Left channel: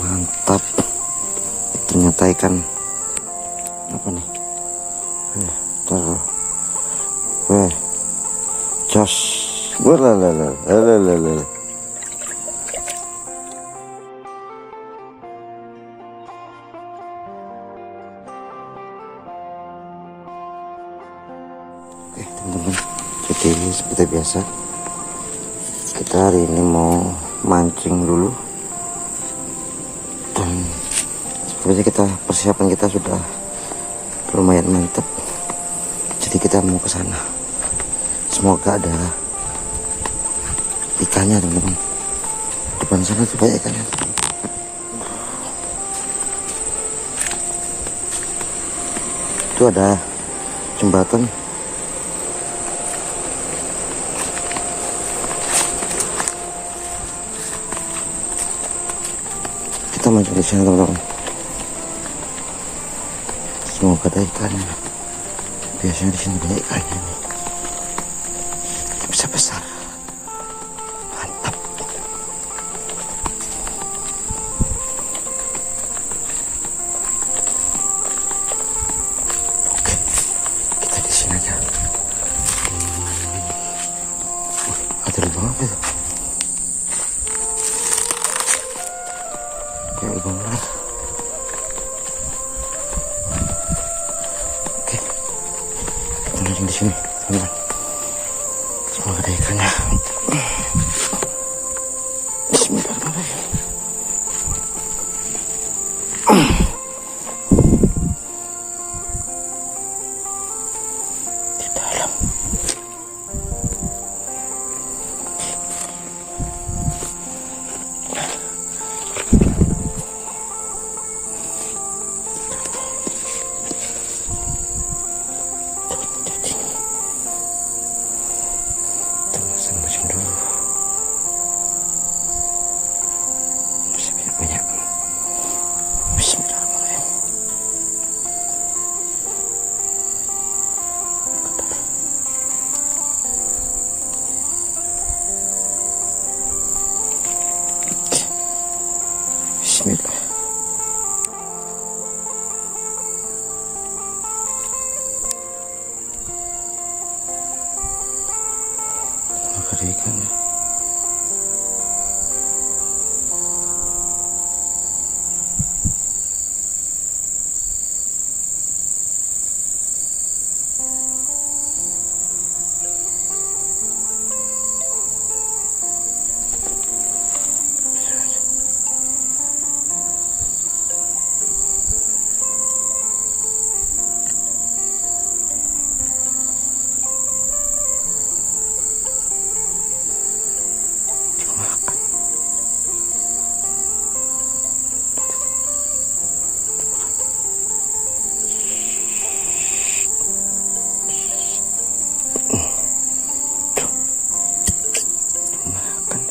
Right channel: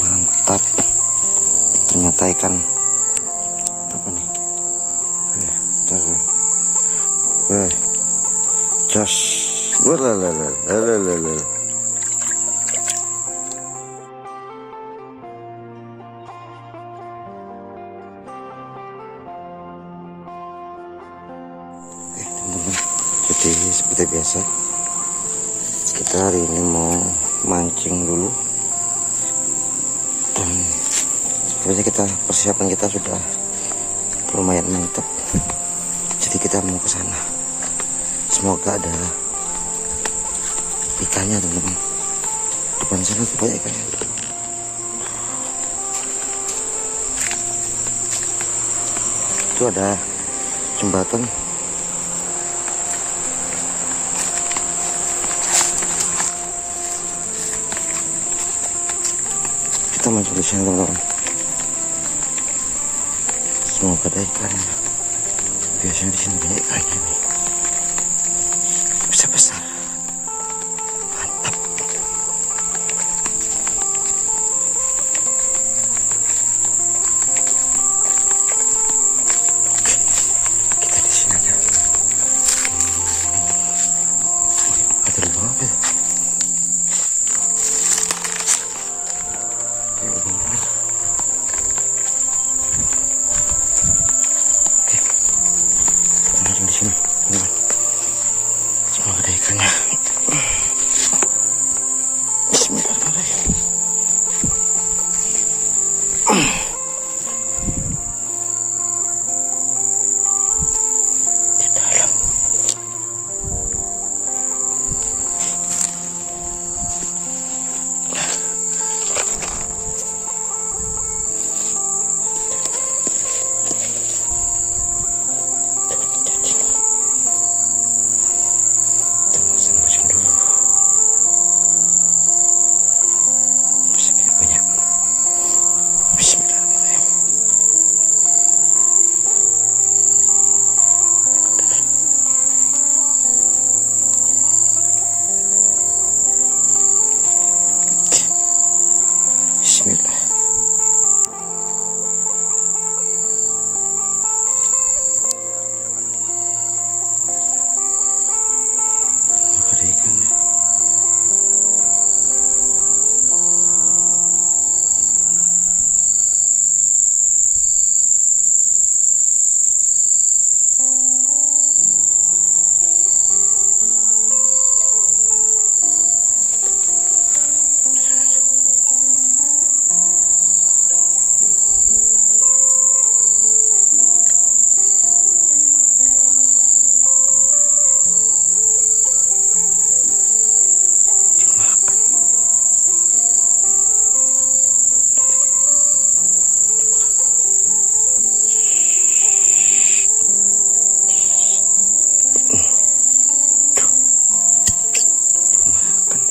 Mantap. Ternyata ikan apa nih? Jos. Walalala. Teman-teman, jadi seperti biasa kita hari ini mau mancing dulu, dan sepertinya persiapan kita sudah lumayan mantap. Jadi kita mau ke sana. Semoga ada ikannya, teman-teman. Depan sana tuh banyak ikannya. Itu ada jembatan. Kita mancing di sini, teman-teman. Semoga ada ikannya. Biasanya di sini banyak ikannya nih. Bisa besar. Mantap. Oke, kita di sini aja. Ada lubang apa itu? Kayak lubang belas. Oke, kita makan di sini, teman-teman. Semoga ada ikannya. Bismillahirrahmanirrahim. Di dalam. Mancing dulu. Masih banyak. Bismillahirrahmanirrahim. Bismillah. Ada ikannya. Makan.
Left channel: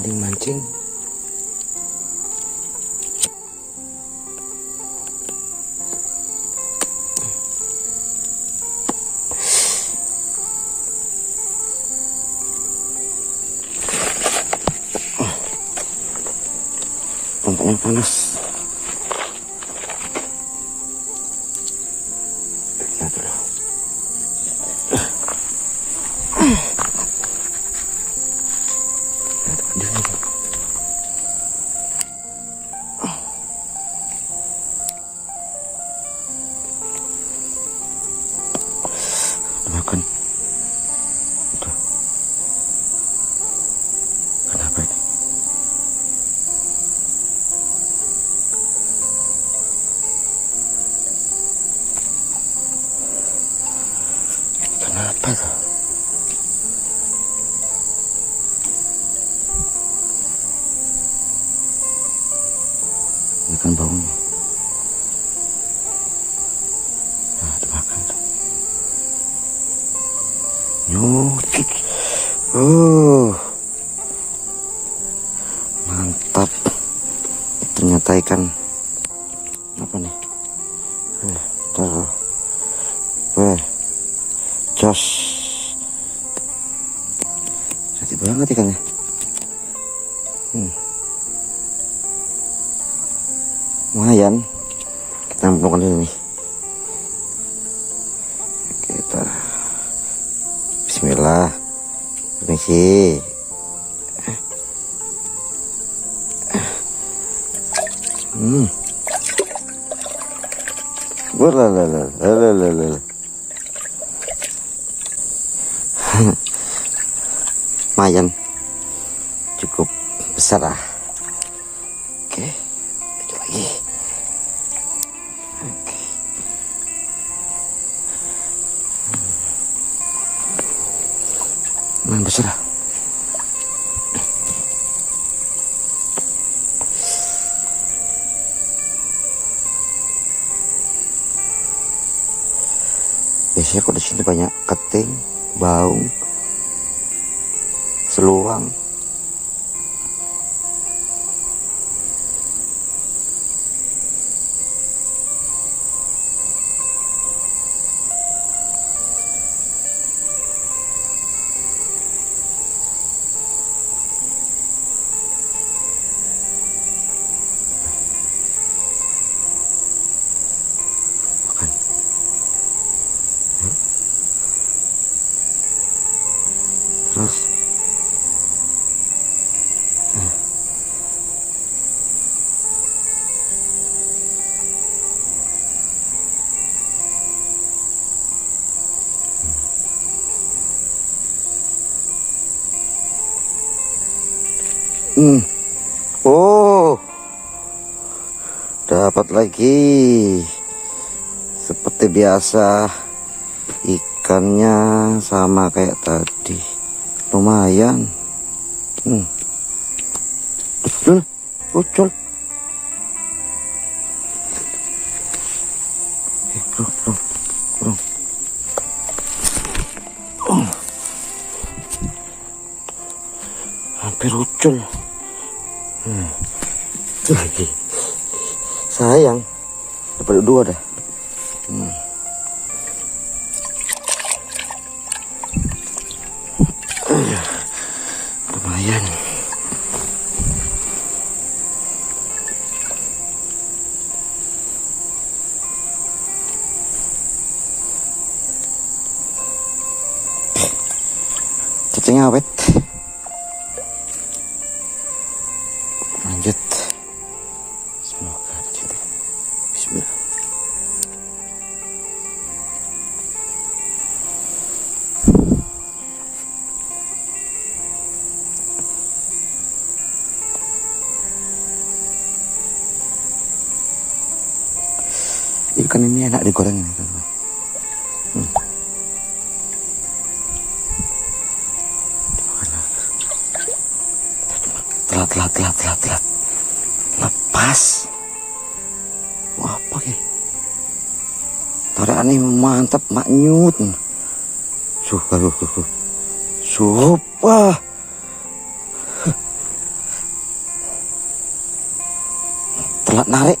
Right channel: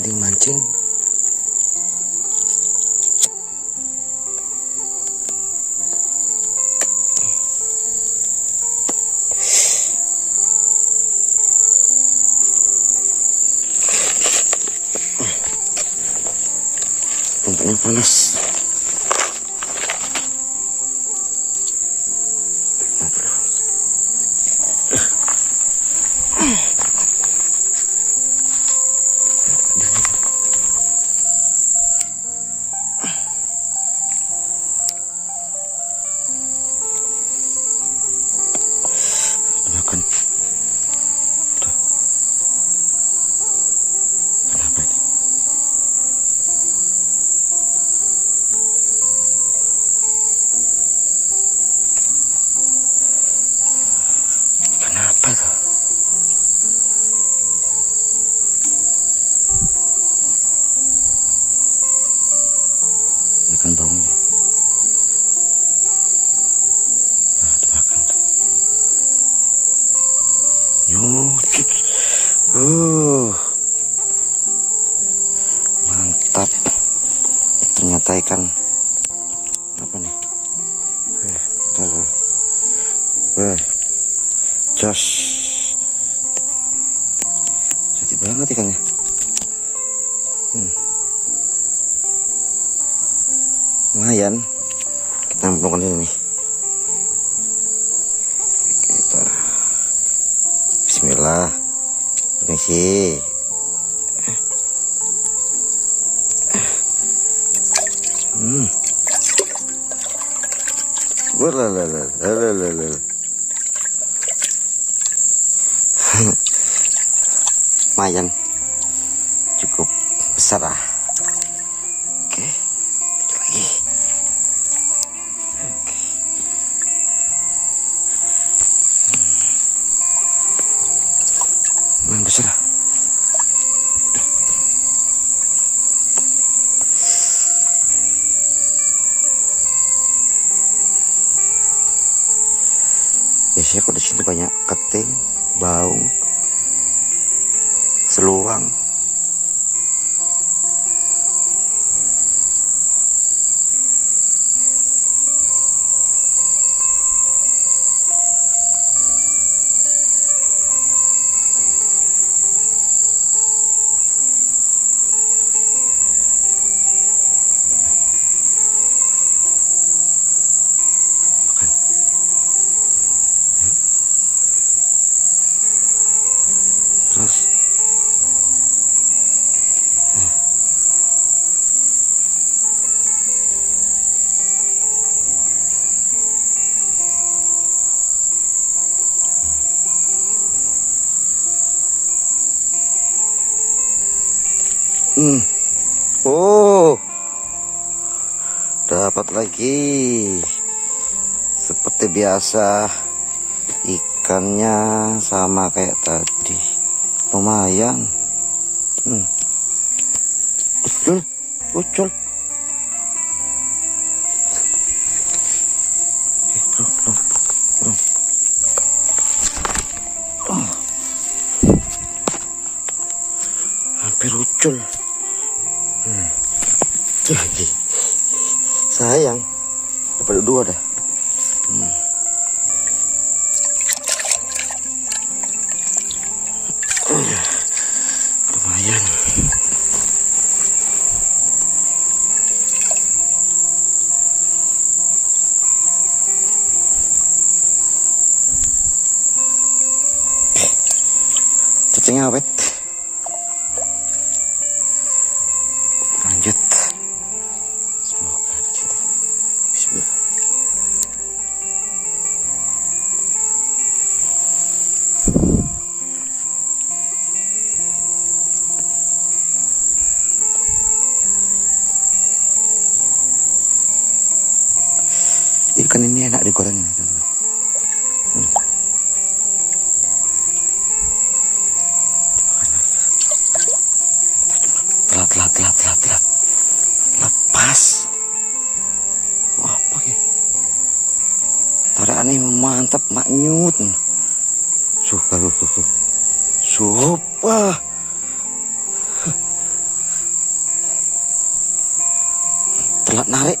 Penting mancing. Tampaknya panas. Makan. Udah. Kenapa ini? Dengarkan baunya. Nah, dimakan. Nyucit. Mantap. Ternyata ikan apa nih? Tuh. Jos. Jadi banget ikannya. Lumayan. Kita ambilkan ini. Kita Bismillah. Permisi. Lumayan. Cukup besar lah. Oke. Lanjut lagi. Oke. Lumayan besar lah. Biasanya kok di sini banyak keting, baung, seluang. Makan. Terus oh, dapat lagi. Seperti biasa, ikannya sama kayak tadi. Lumayan. Ucul. Bro. Hampir ucul. Itu lagi. Sayang. Dapat dua dah. Lumayan. Cacing awet. Lanjut. Semoga ada cinta. Bismillah. Ikan ini enak digoreng ini kan. Telat. Lepas. Wah, apa ini? Tarian ini mantap, maknyut. Wah. Telat narik.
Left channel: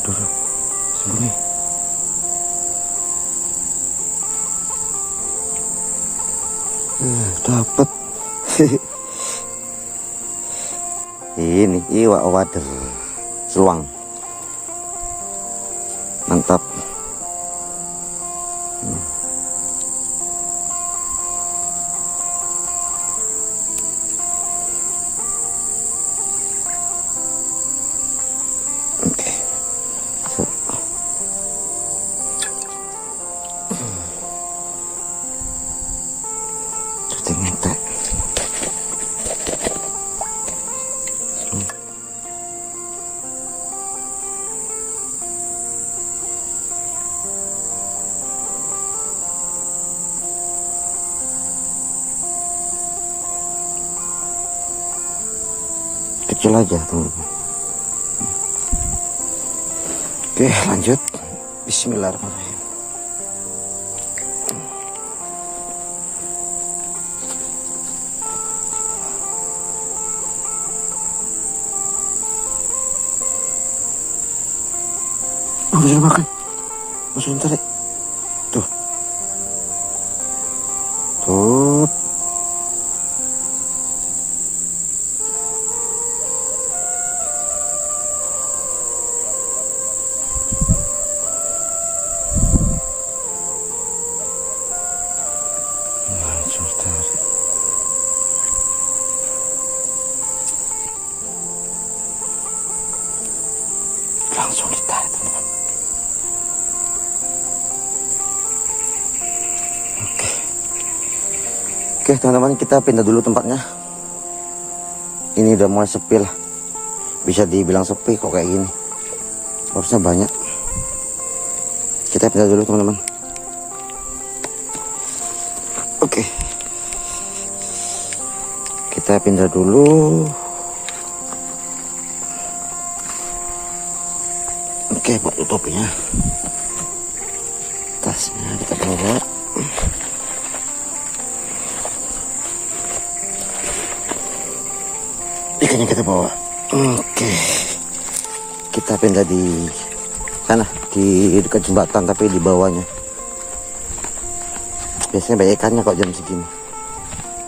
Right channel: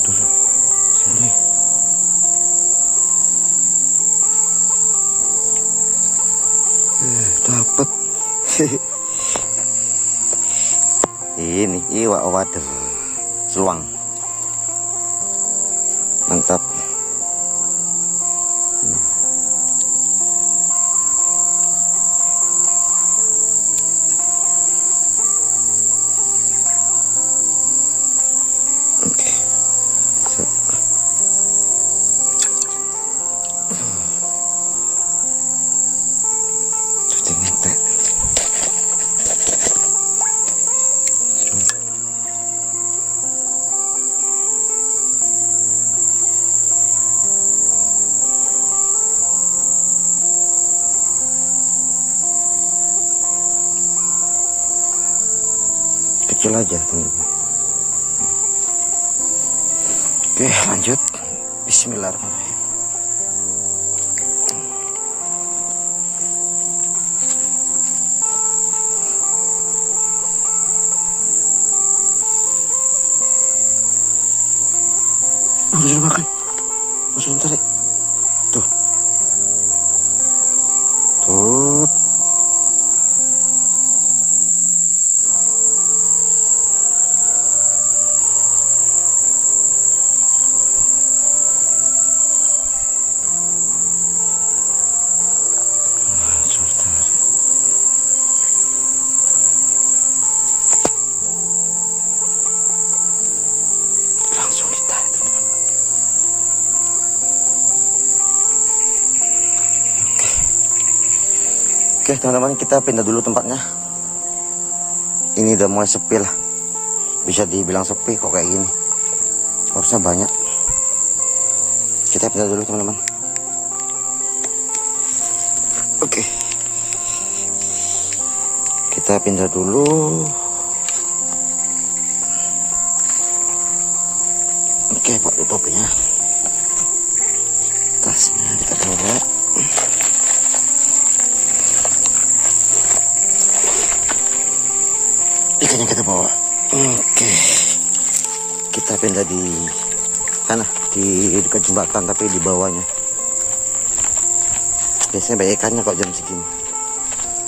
Dulu sembunyi. Dapat. Ini iwak wader seluang. Mantap. Oke. Cuci ngetek. kecil aja teman-teman. Oke, lanjut. Bismillahirrahmanirrahim. Oh, udah makan. Langsung tarik. Tuh. Tuh. Langsung tarik. Langsung ditarik teman-teman. Oke teman-teman, kita pindah dulu tempatnya. Ini udah mulai sepi lah. Bisa dibilang sepi kok kayak gini. Harusnya banyak. Kita pindah dulu teman-teman. Oke. Kita pindah dulu. Oke, pakai topinya. Tasnya kita bawa. Ikannya kita bawa. Oke. Kita pindah di sana, di dekat jembatan tapi di bawahnya. Biasanya banyak ikannya kok jam segini.